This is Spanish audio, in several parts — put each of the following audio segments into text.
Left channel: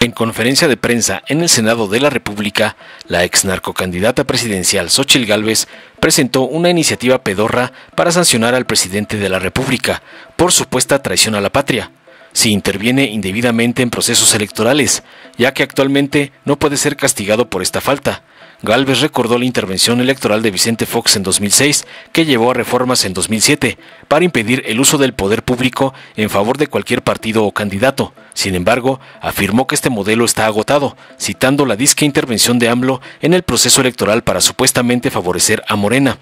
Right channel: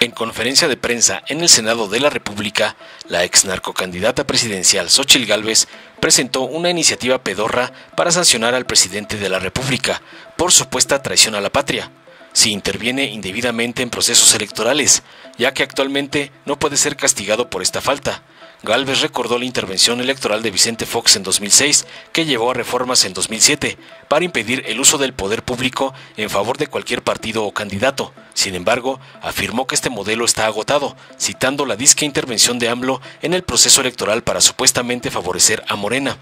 En conferencia de prensa en el Senado de la República, la ex narcocandidata presidencial Xóchitl Gálvez presentó una iniciativa pedorra para sancionar al presidente de la República por supuesta traición a la patria, si interviene indebidamente en procesos electorales, ya que actualmente no puede ser castigado por esta falta. Gálvez recordó la intervención electoral de Vicente Fox en 2006, que llevó a reformas en 2007 para impedir el uso del poder público en favor de cualquier partido o candidato. Sin embargo, afirmó que este modelo está agotado, citando la disque intervención de AMLO en el proceso electoral para supuestamente favorecer a Morena.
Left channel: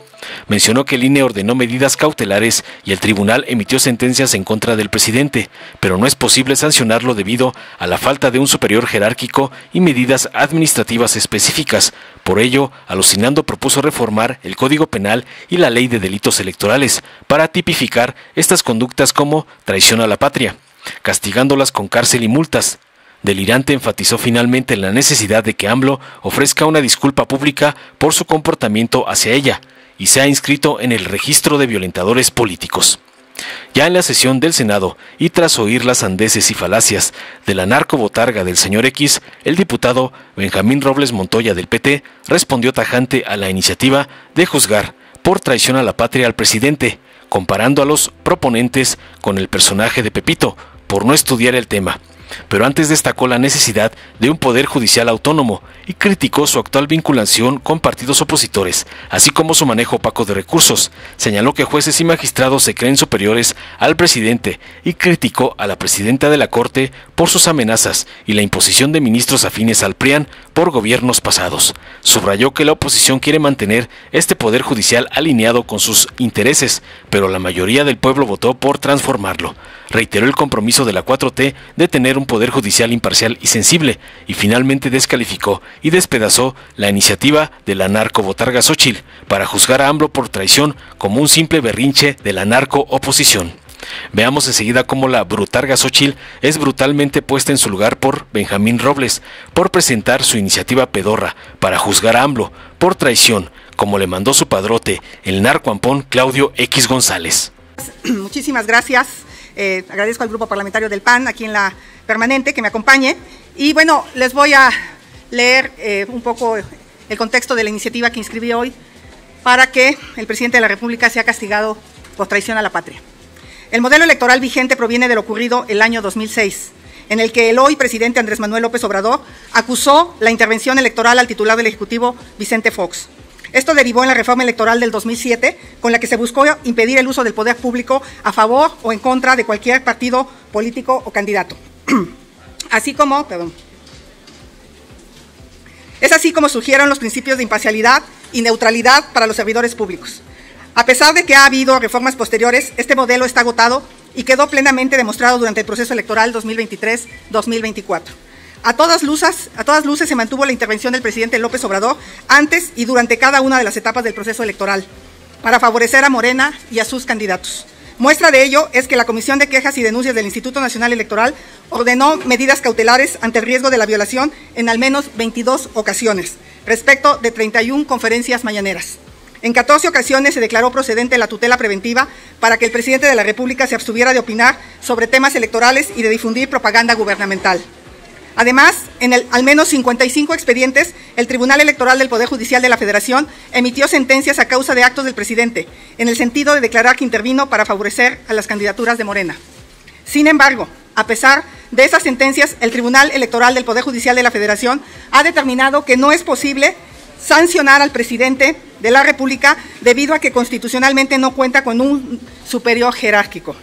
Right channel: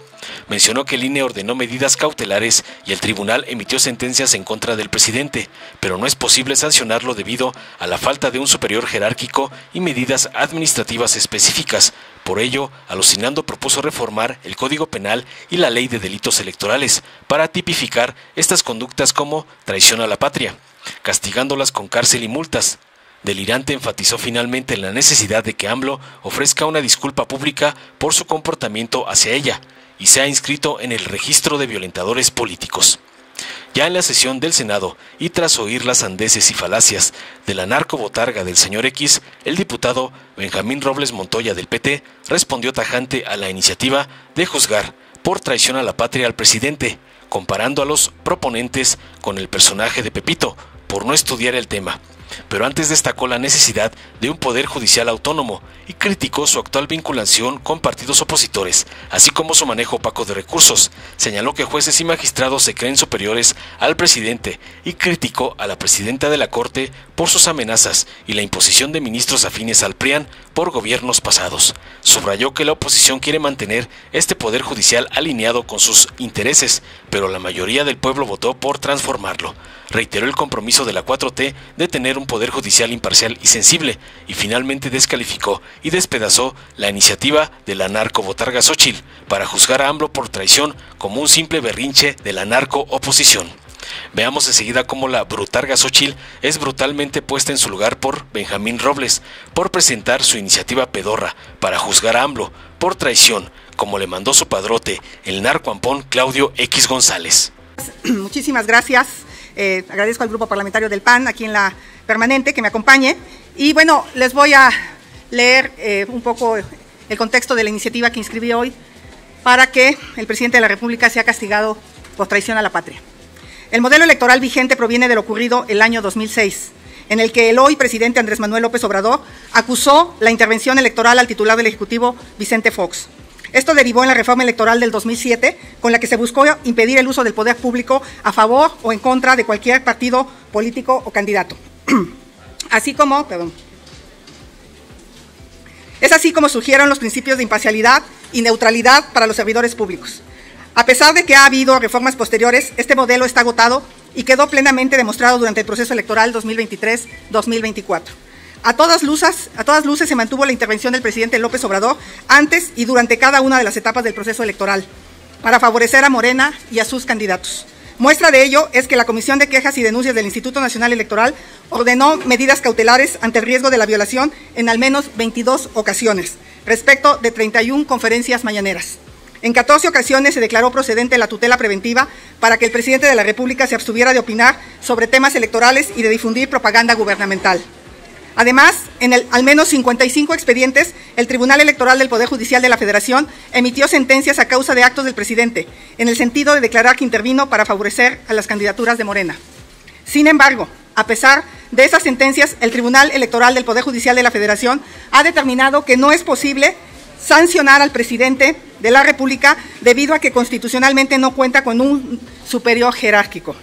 Mencionó que el INE ordenó medidas cautelares y el tribunal emitió sentencias en contra del presidente, pero no es posible sancionarlo debido a la falta de un superior jerárquico y medidas administrativas específicas. Por ello, alucinando propuso reformar el Código Penal y la Ley de Delitos Electorales para tipificar estas conductas como traición a la patria, castigándolas con cárcel y multas. Delirante enfatizó finalmente la necesidad de que AMLO ofrezca una disculpa pública por su comportamiento hacia ella y sea inscrito en el registro de violentadores políticos. Ya en la sesión del Senado, y tras oír las sandeces y falacias de la narcobotarga del señor X, el diputado Benjamín Robles Montoya del PT respondió tajante a la iniciativa de juzgar por traición a la patria al presidente, comparando a los proponentes con el personaje de Pepito, por no estudiar el tema. Pero antes destacó la necesidad de un poder judicial autónomo y criticó su actual vinculación con partidos opositores, así como su manejo opaco de recursos. Señaló que jueces y magistrados se creen superiores al presidente y criticó a la presidenta de la Corte por sus amenazas y la imposición de ministros afines al PRIAN por gobiernos pasados. Subrayó que la oposición quiere mantener este poder judicial alineado con sus intereses, pero la mayoría del pueblo votó por transformarlo. Reiteró el compromiso de la 4T de tener un poder judicial imparcial y sensible, y finalmente descalificó y despedazó la iniciativa de la narcobotarga Xóchitl para juzgar a AMLO por traición como un simple berrinche de la narco-oposición. Veamos enseguida cómo la brutarga Xóchitl es brutalmente puesta en su lugar por Benjamín Robles, por presentar su iniciativa pedorra para juzgar a AMLO por traición, como le mandó su padrote, el narcoampón Claudio X González. Muchísimas gracias. Agradezco al grupo parlamentario del PAN, aquí en la permanente, que me acompañe. Y bueno, les voy a leer un poco el contexto de la iniciativa que inscribí hoy para que el presidente de la República sea castigado por traición a la patria. El modelo electoral vigente proviene de lo ocurrido el año 2006, en el que el hoy presidente Andrés Manuel López Obrador acusó la intervención electoral al titular del Ejecutivo, Vicente Fox. Esto derivó en la reforma electoral del 2007, con la que se buscó impedir el uso del poder público a favor o en contra de cualquier partido político o candidato. Es así como surgieron los principios de imparcialidad y neutralidad para los servidores públicos. A pesar de que ha habido reformas posteriores, este modelo está agotado y quedó plenamente demostrado durante el proceso electoral 2023-2024. A todas luces se mantuvo la intervención del presidente López Obrador antes y durante cada una de las etapas del proceso electoral para favorecer a Morena y a sus candidatos. Muestra de ello es que la Comisión de Quejas y Denuncias del Instituto Nacional Electoral ordenó medidas cautelares ante el riesgo de la violación en al menos 22 ocasiones, respecto de 31 conferencias mañaneras. En 14 ocasiones se declaró procedente la tutela preventiva para que el presidente de la República se abstuviera de opinar sobre temas electorales y de difundir propaganda gubernamental. Además, en al menos 55 expedientes, el Tribunal Electoral del Poder Judicial de la Federación emitió sentencias a causa de actos del presidente, en el sentido de declarar que intervino para favorecer a las candidaturas de Morena. Sin embargo, a pesar de esas sentencias, el Tribunal Electoral del Poder Judicial de la Federación ha determinado que no es posible sancionar al presidente de la República debido a que constitucionalmente no cuenta con un superior jerárquico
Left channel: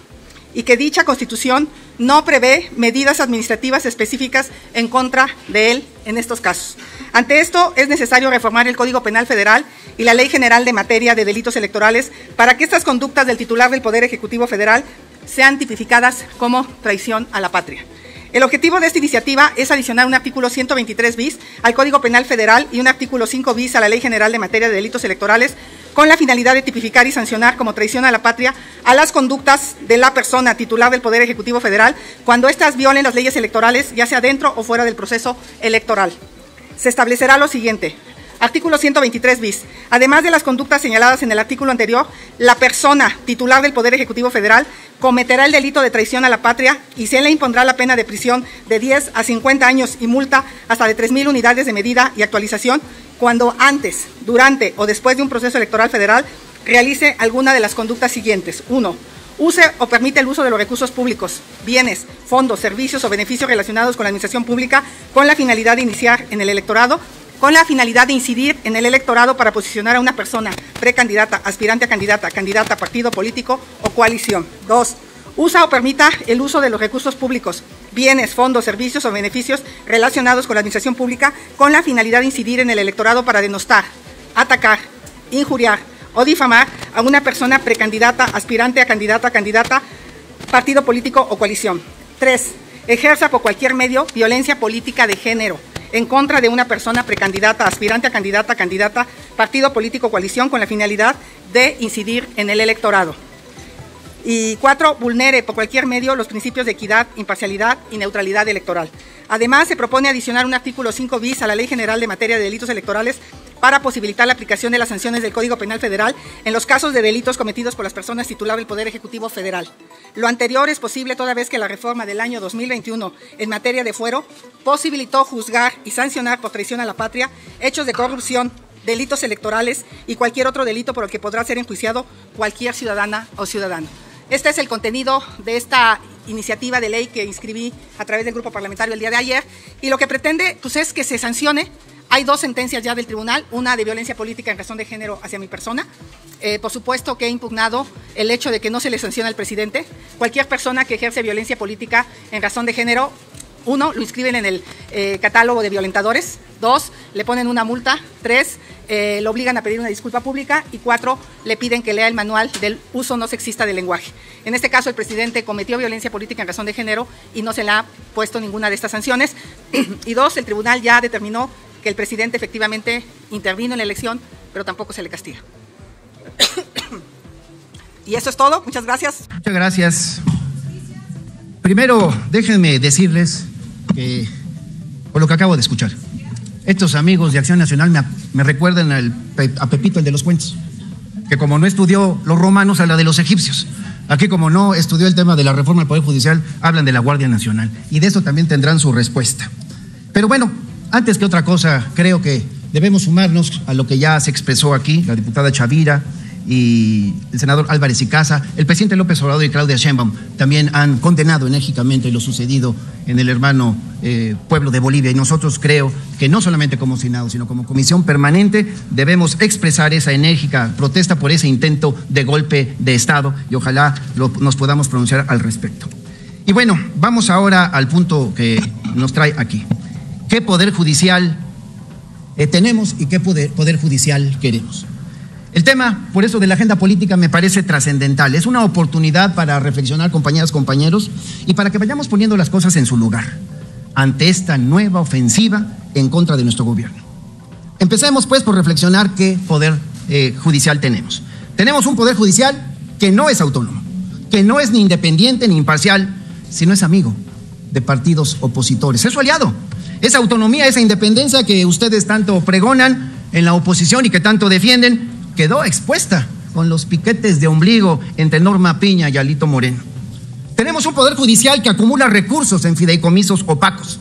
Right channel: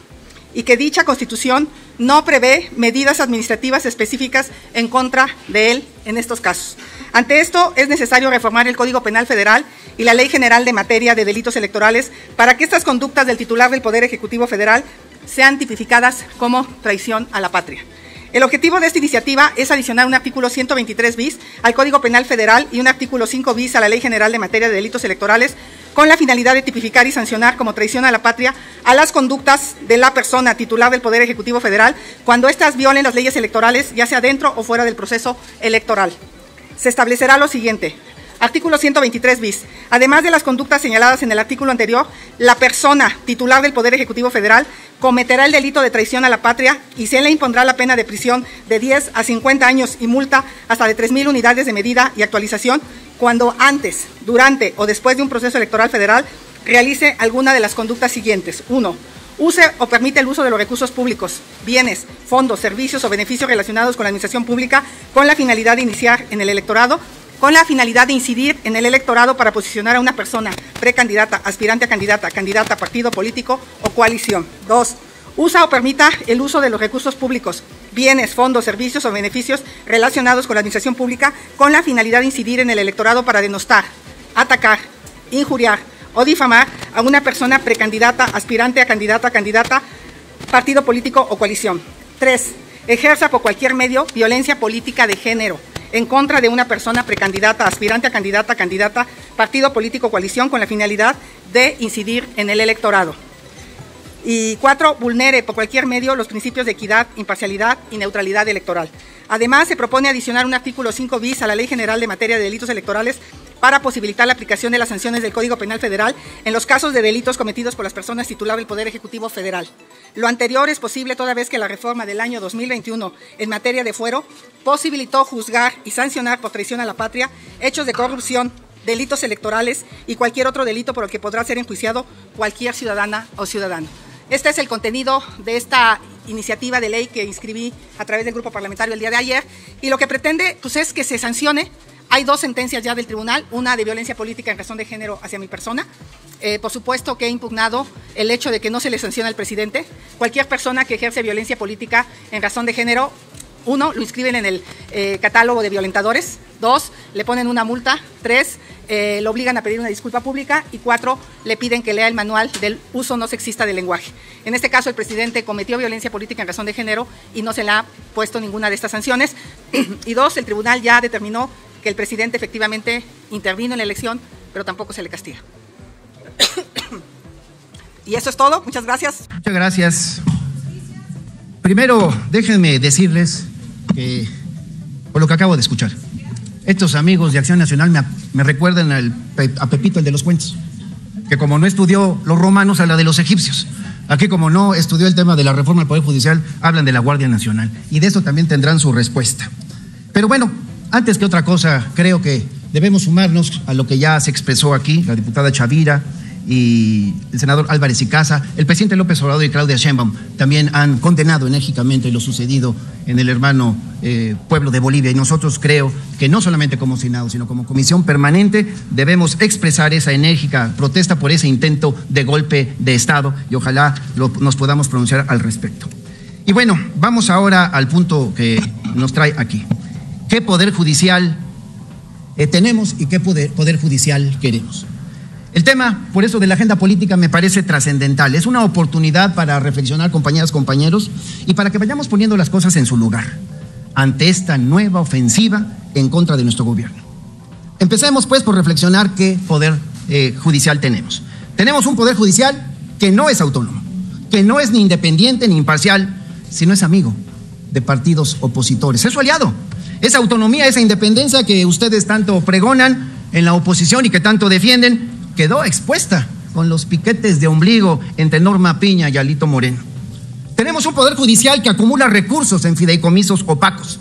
y que dicha Constitución no prevé medidas administrativas específicas en contra de él en estos casos. Ante esto, es necesario reformar el Código Penal Federal y la Ley General de Materia de Delitos Electorales para que estas conductas del titular del Poder Ejecutivo Federal sean tipificadas como traición a la patria. El objetivo de esta iniciativa es adicionar un artículo 123 bis al Código Penal Federal y un artículo 5 bis a la Ley General de Materia de Delitos Electorales con la finalidad de tipificar y sancionar como traición a la patria a las conductas de la persona titular del Poder Ejecutivo Federal cuando éstas violen las leyes electorales, ya sea dentro o fuera del proceso electoral. Se establecerá lo siguiente: Artículo 123 bis. Además de las conductas señaladas en el artículo anterior, la persona titular del Poder Ejecutivo Federal cometerá el delito de traición a la patria y se le impondrá la pena de prisión de 10 a 50 años y multa hasta de 3,000 unidades de medida y actualización cuando antes, durante o después de un proceso electoral federal realice alguna de las conductas siguientes. 1. Use o permite el uso de los recursos públicos, bienes, fondos, servicios o beneficios relacionados con la administración pública con la finalidad de iniciar en el electorado, con la finalidad de incidir en el electorado para posicionar a una persona precandidata, aspirante a candidata, candidata a partido político o coalición. 2. Usa o permita el uso de los recursos públicos, bienes, fondos, servicios o beneficios relacionados con la administración pública con la finalidad de incidir en el electorado para denostar, atacar, injuriar o difamar a una persona precandidata, aspirante a candidata, partido político o coalición. 3. Ejerce por cualquier medio violencia política de género en contra de una persona precandidata, aspirante a candidata, partido político o coalición con la finalidad de incidir en el electorado. Y 4. Vulnere por cualquier medio los principios de equidad, imparcialidad y neutralidad electoral. Además, se propone adicionar un artículo 5 bis a la Ley General de Materia de Delitos Electorales para posibilitar la aplicación de las sanciones del Código Penal Federal en los casos de delitos cometidos por las personas titulares del Poder Ejecutivo Federal. Lo anterior es posible toda vez que la reforma del año 2021 en materia de fuero posibilitó juzgar y sancionar por traición a la patria hechos de corrupción, delitos electorales y cualquier otro delito por el que podrá ser enjuiciado cualquier ciudadana o ciudadano. Este es el contenido de esta iniciativa de ley que inscribí a través del grupo parlamentario el día de ayer, y lo que pretende pues, es que se sancione. Hay 2 sentencias ya del tribunal, una de violencia política en razón de género hacia mi persona. Por supuesto que he impugnado el hecho de que no se le sanciona al presidente. Cualquier persona que ejerce violencia política en razón de género, 1, lo inscriben en el catálogo de violentadores. 2, le ponen una multa. 3, lo obligan a pedir una disculpa pública. Y 4, le piden que lea el manual del uso no sexista del lenguaje. En este caso, el presidente cometió violencia política en razón de género y no se le ha puesto ninguna de estas sanciones. Y 2, el tribunal ya determinó que el presidente efectivamente intervino en la elección, pero tampoco se le castiga. Y eso es todo. Muchas gracias. Muchas gracias. Primero, déjenme decirles por lo que acabo de escuchar. Estos amigos de Acción Nacional me recuerdan a Pepito, el de los cuentos, que como no estudió los romanos, habla de los egipcios. Aquí, como no estudió el tema de la reforma del Poder Judicial, hablan de la Guardia Nacional. Y de eso también tendrán su respuesta. Pero bueno, antes que otra cosa, creo que debemos sumarnos a lo que ya se expresó aquí, la diputada Chavira y el senador Álvarez y Casa. El presidente López Obrador y Claudia Sheinbaum también han condenado enérgicamente lo sucedido en el hermano pueblo de Bolivia. Y nosotros creo que no solamente como Senado, sino como Comisión Permanente debemos expresar esa enérgica protesta por ese intento de golpe de Estado y ojalá nos podamos pronunciar al respecto. Y bueno, vamos ahora al punto que nos trae aquí. ¿Qué poder judicial tenemos y qué poder judicial queremos? El tema, por eso, de la agenda política me parece trascendental. Es una oportunidad para reflexionar, compañeras, compañeros, y para que vayamos poniendo las cosas en su lugar ante esta nueva ofensiva en contra de nuestro gobierno. Empecemos, pues, por reflexionar qué poder judicial tenemos. Tenemos un poder judicial que no es autónomo, que no es ni independiente ni imparcial, sino es amigo de partidos opositores. Es su aliado. Esa autonomía, esa independencia que ustedes tanto pregonan en la oposición y que tanto defienden, quedó expuesta con los piquetes de ombligo entre Norma Piña y Alito Moreno. Tenemos un poder judicial que acumula recursos en fideicomisos opacos,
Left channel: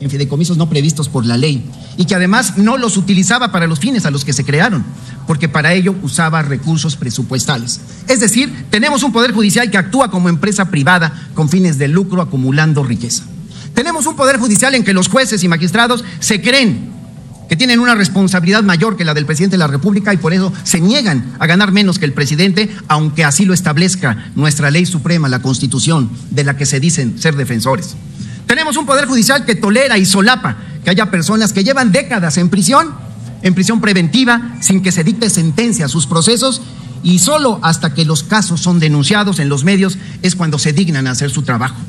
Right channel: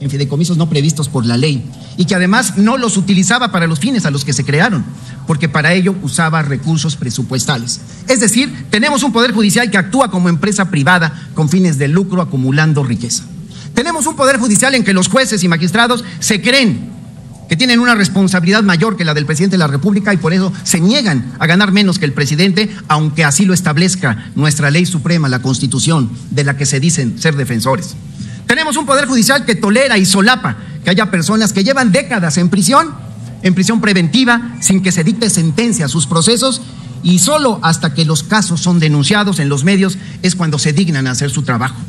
en fideicomisos no previstos por la ley, y que además no los utilizaba para los fines a los que se crearon, porque para ello usaba recursos presupuestales. Es decir, tenemos un poder judicial que actúa como empresa privada con fines de lucro acumulando riqueza. Tenemos un poder judicial en que los jueces y magistrados se creen que tienen una responsabilidad mayor que la del presidente de la República y por eso se niegan a ganar menos que el presidente, aunque así lo establezca nuestra ley suprema, la Constitución, de la que se dicen ser defensores. Tenemos un poder judicial que tolera y solapa que haya personas que llevan décadas en prisión preventiva, sin que se dicte sentencia a sus procesos, y solo hasta que los casos son denunciados en los medios es cuando se dignan a hacer su trabajo.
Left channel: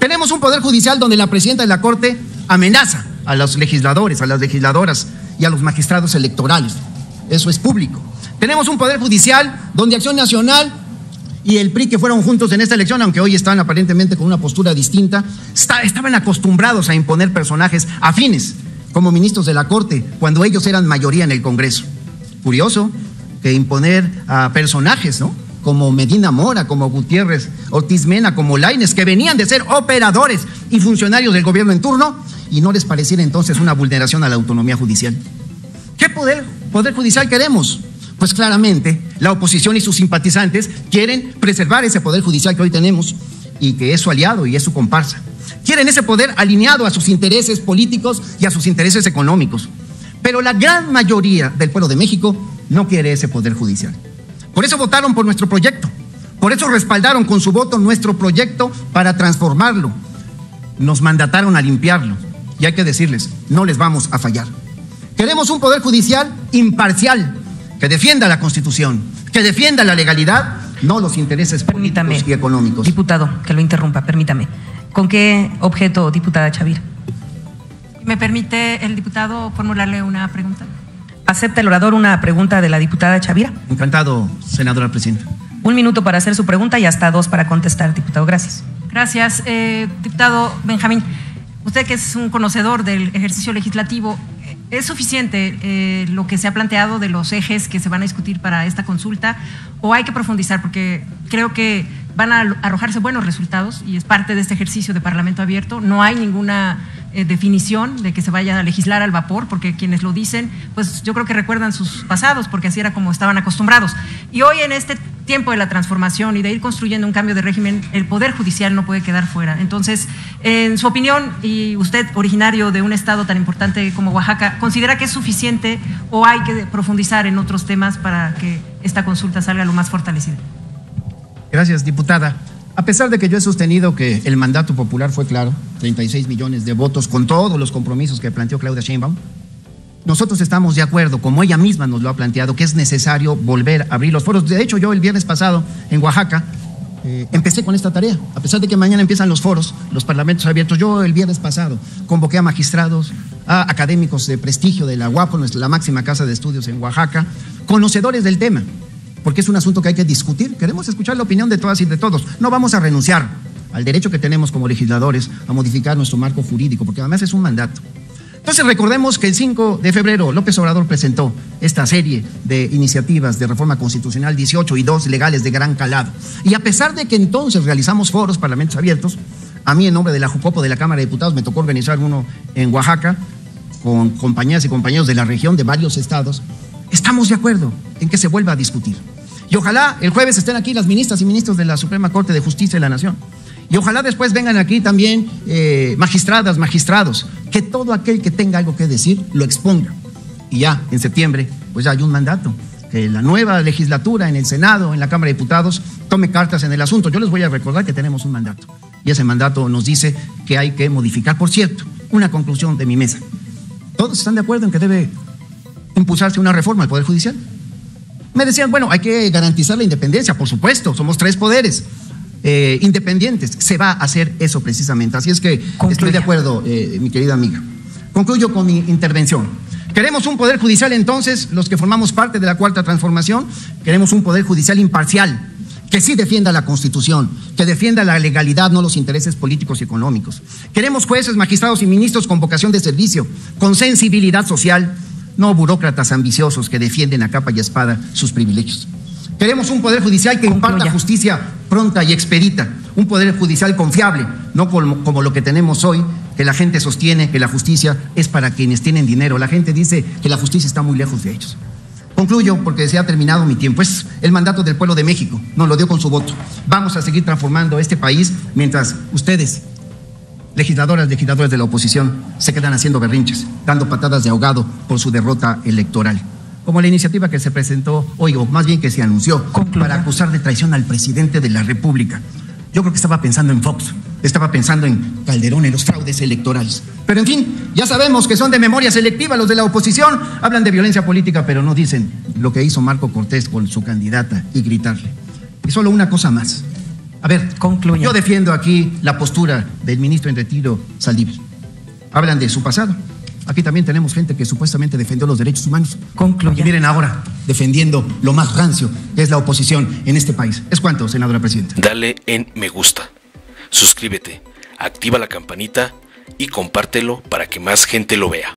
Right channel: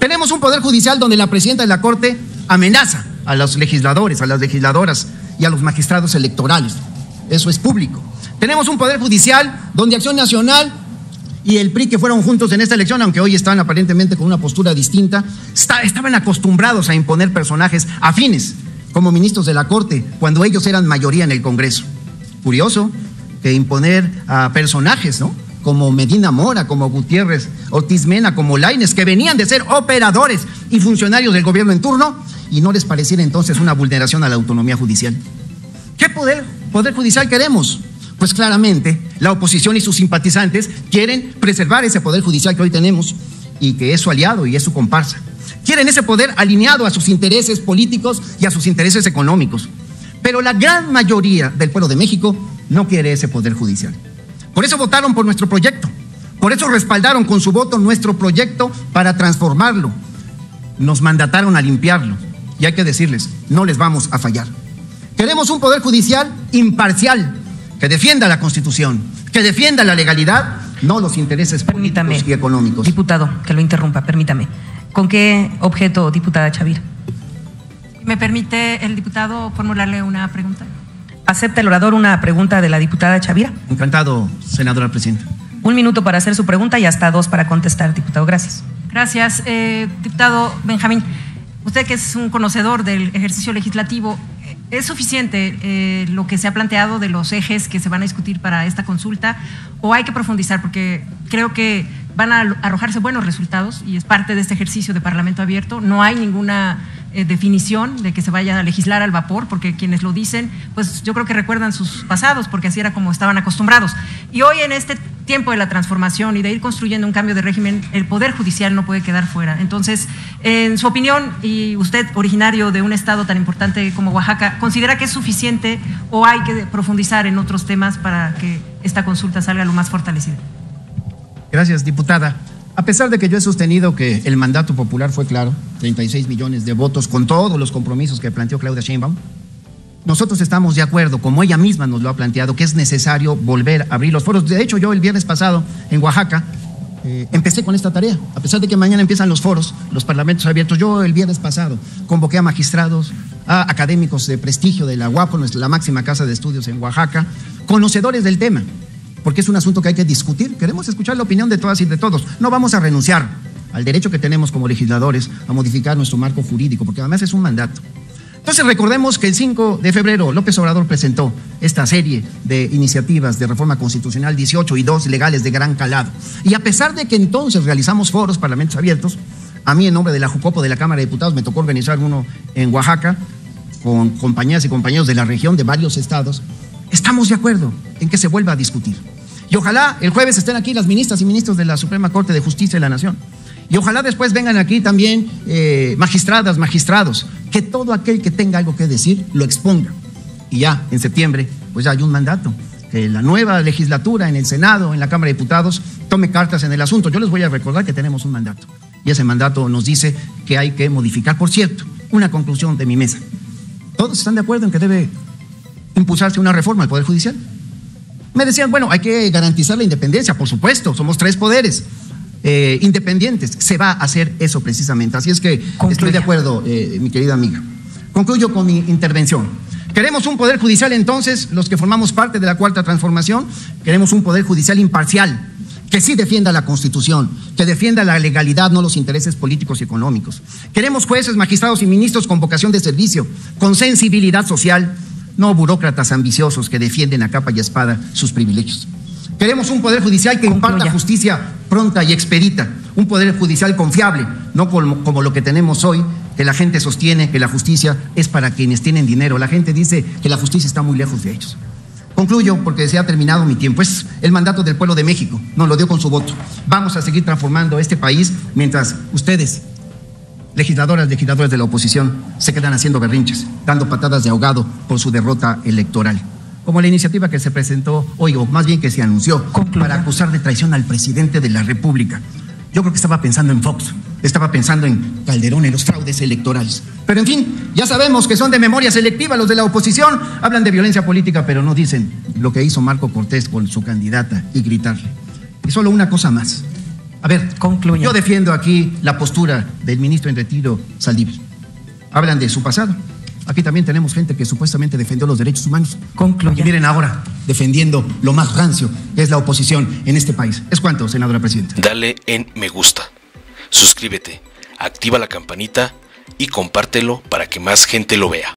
Tenemos un poder judicial donde la presidenta de la Corte amenaza a los legisladores, a las legisladoras y a los magistrados electorales. Eso es público. Tenemos un poder judicial donde Acción Nacional y el PRI, que fueron juntos en esta elección, aunque hoy están aparentemente con una postura distinta, estaban acostumbrados a imponer personajes afines como ministros de la Corte, cuando ellos eran mayoría en el Congreso. Curioso que imponer a personajes, ¿no?, como Medina Mora, como Gutiérrez Ortiz Mena, como Lainez, que venían de ser operadores y funcionarios del gobierno en turno, y no les pareciera entonces una vulneración a la autonomía judicial. ¿Qué poder judicial queremos? Pues claramente la oposición y sus simpatizantes quieren preservar ese poder judicial que hoy tenemos y que es su aliado y es su comparsa. Quieren ese poder alineado a sus intereses políticos y a sus intereses económicos. Pero la gran mayoría del pueblo de México no quiere ese poder judicial. Por eso votaron por nuestro proyecto. Por eso respaldaron con su voto nuestro proyecto para transformarlo. Nos mandataron a limpiarlo. Y hay que decirles, no les vamos a fallar. Queremos un poder judicial imparcial, que defienda la Constitución, que defienda la legalidad, no los intereses políticos y económicos. Diputado, que lo interrumpa, permítame. ¿Con qué objeto, diputada Chavira? ¿Me permite el diputado formularle una pregunta? ¿Acepta el orador una pregunta de la diputada Chavira? Encantado, senadora presidenta. 1 minuto para hacer su pregunta y hasta 2 para contestar, diputado. Gracias. Gracias. Diputado Benjamín, usted que es un conocedor del ejercicio legislativo, ¿es suficiente lo que se ha planteado de los ejes que se van a discutir para esta consulta o hay que profundizar? Porque creo que van a arrojarse buenos resultados y es parte de este ejercicio de Parlamento abierto. No hay ninguna definición de que se vaya a legislar al vapor, porque quienes lo dicen, pues yo creo que recuerdan sus pasados, porque así era como estaban acostumbrados. Y hoy en este tiempo de la transformación y de ir construyendo un cambio de régimen, el Poder Judicial no puede quedar fuera. Entonces, en su opinión, y usted originario de un estado tan importante como Oaxaca, ¿considera que es suficiente o hay que profundizar en otros temas para que esta consulta salga lo más fortalecida? Gracias, diputada. A pesar de que yo he sostenido que el mandato popular fue claro, 36 millones de votos con todos los compromisos que planteó Claudia Sheinbaum, nosotros estamos de acuerdo, como ella misma nos lo ha planteado, que es necesario volver a abrir los foros. De hecho, yo el viernes pasado en Oaxaca empecé con esta tarea. A pesar de que mañana empiezan los foros, los parlamentos abiertos, yo el viernes pasado convoqué a magistrados, a académicos de prestigio de la UAPO, la máxima casa de estudios en Oaxaca, conocedores del tema, porque es un asunto que hay que discutir. Queremos escuchar la opinión de todas y de todos. No vamos a renunciar al derecho que tenemos como legisladores a modificar nuestro marco jurídico, porque además es un mandato. Entonces recordemos que el 5 de febrero López Obrador presentó esta serie de iniciativas de reforma constitucional 18 y 2 legales de gran calado. Y a pesar de que entonces realizamos foros, parlamentos abiertos, a mí en nombre de la Jucopo de la Cámara de Diputados me tocó organizar uno en Oaxaca con compañeras y compañeros de la región de varios estados. Estamos de acuerdo en que se vuelva a discutir. Y ojalá el jueves estén aquí las ministras y ministros de la Suprema Corte de Justicia de la Nación. Y ojalá después vengan aquí también magistradas, magistrados, que todo aquel que tenga algo que decir lo exponga. Y ya en septiembre pues ya hay un mandato, que la nueva legislatura en el Senado, en la Cámara de Diputados, tome cartas en el asunto. Yo les voy a recordar que tenemos un mandato. Y ese mandato nos dice que hay que modificar. Por cierto, una conclusión de mi mesa. ¿Todos están de acuerdo en que debe impulsarse una reforma al Poder Judicial? Me decían, bueno, hay que garantizar la independencia, por supuesto, somos 3 poderes independientes. Se va a hacer eso precisamente. Así es que estoy de acuerdo, mi querida amiga. Concluyo con mi intervención. Queremos un Poder Judicial, entonces, los que formamos parte de la Cuarta Transformación, queremos un Poder Judicial imparcial, que sí defienda la Constitución, que defienda la legalidad, no los intereses políticos y económicos. Queremos jueces, magistrados y ministros con vocación de servicio, con sensibilidad social, no burócratas ambiciosos que defienden a capa y espada sus privilegios. Queremos un Poder Judicial que imparta justicia pronta y expedita, un Poder Judicial confiable, no como lo que tenemos hoy, que la gente sostiene que la justicia es para quienes tienen dinero. La gente dice que la justicia está muy lejos de ellos. Concluyo porque se ha terminado mi tiempo. Es el mandato del pueblo de México, nos lo dio con su voto. Vamos a seguir transformando este país mientras ustedes, legisladoras, legisladores de la oposición, se quedan haciendo berrinches, dando patadas de ahogado por su derrota electoral. Como la iniciativa que se presentó hoy, o más bien que se anunció, para acusar de traición al presidente de la República. Yo creo que estaba pensando en Fox, estaba pensando en Calderón, en los fraudes electorales. Pero en fin, ya sabemos que son de memoria selectiva los de la oposición, hablan de violencia política, pero no dicen lo que hizo Marco Cortés con su candidata y gritarle. Y solo una cosa más. A ver, concluyo. Yo defiendo aquí la postura del ministro en retiro, Saldívar. Hablan de su pasado. Aquí también tenemos gente que supuestamente defendió los derechos humanos. Concluye. Y miren ahora, defendiendo lo más rancio, que es la oposición en este país. ¿Es cuánto, senadora presidenta? Dale en me gusta, suscríbete, activa la campanita y compártelo para que más gente lo vea.